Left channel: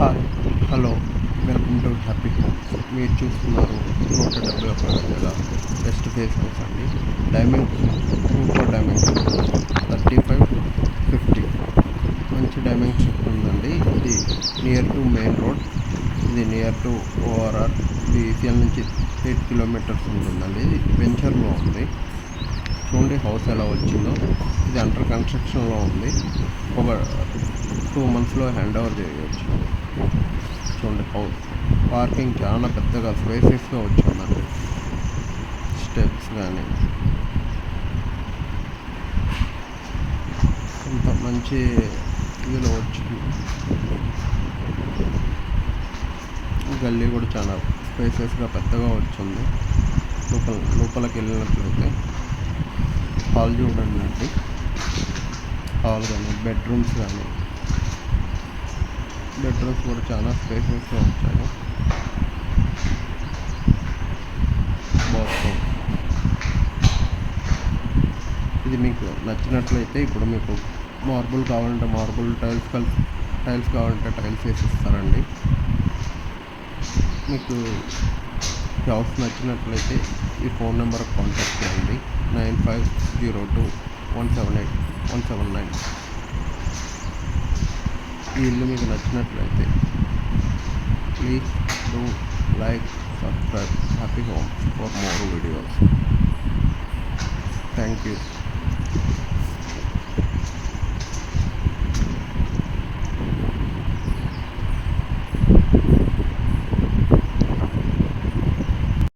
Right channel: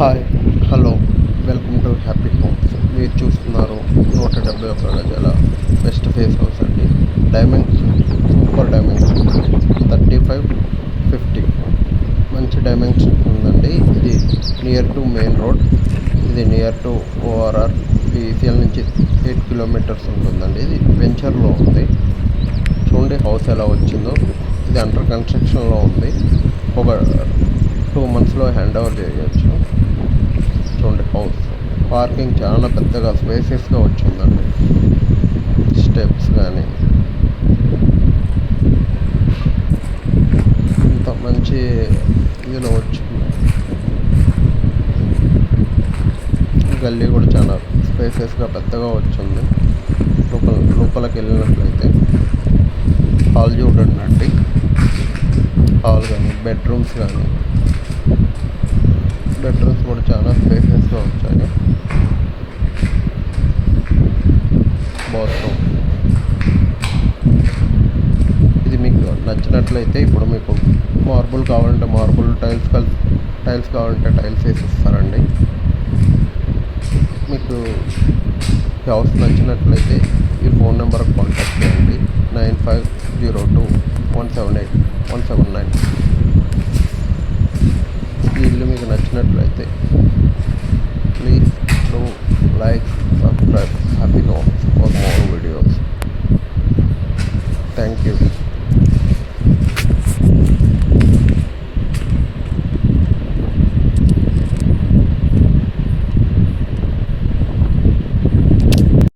Hi, hello, welcome to happy homes. మీరు చూస్తున్నారు 171 గజాల వెస్ట్ ఫేస్ హౌస్ అండి. డైమెన్షన్ సూపర్ డైమెన్షన్ 35-50 మంచి డైమెన్షన్ ఉందండి. ఇది నియర్ టు మెయిన్ రోడ్, ఇది నియర్ టు ఓఆర్ఆర్. ఇది ఈసీఎల్ నుంచి 8 కిలోమీటర్స్ ఉంటుందండి. ఇది వెంచర్లో ఉంది. చూడండి హౌస్ ఎలా వచ్చిందో. ఇది అండర్ కన్స్ట్రక్షన్లో ఉంది. ఒక 2 monthsలో హ్యాండ్ ఓవర్ చేయవచ్చు. చూడండి హౌస్ పార్కింగ్ చాలా పెద్దగా స్పేసియస్గా వచ్చిందండి. స్టెప్స్ కానీ ఇంత మంచి ఇదిలో వచ్చింది. గల్లీ కూడా చాలా స్పేసియస్గా పెద్దగా వచ్చింది. లోపలికి వెళ్ళినట్లయితే హాల్ చూడండి అండి. హాల్ కానీ బెడ్రూమ్స్ కూడా చాలా స్పేసెస్గా వచ్చాయి. బాత్రూమ్ ఇది మీకు నచ్చినట్లయితే ఇప్పుడు మీకు మార్బుల్ కావాలంటే మార్బుల్, టైల్స్ కావాలంటే టైల్స్ వేసి ఇస్తారండి. మీకు హౌస్ నచ్చినట్లయితే ఈ ఫోన్ నెంబర్కి కాంటాక్ట్ చేయండి. 9502178179. ఈ ఇల్లు మీకు నచ్చినట్లయితే please do like, subscribe happy homes for more videos. Thank you.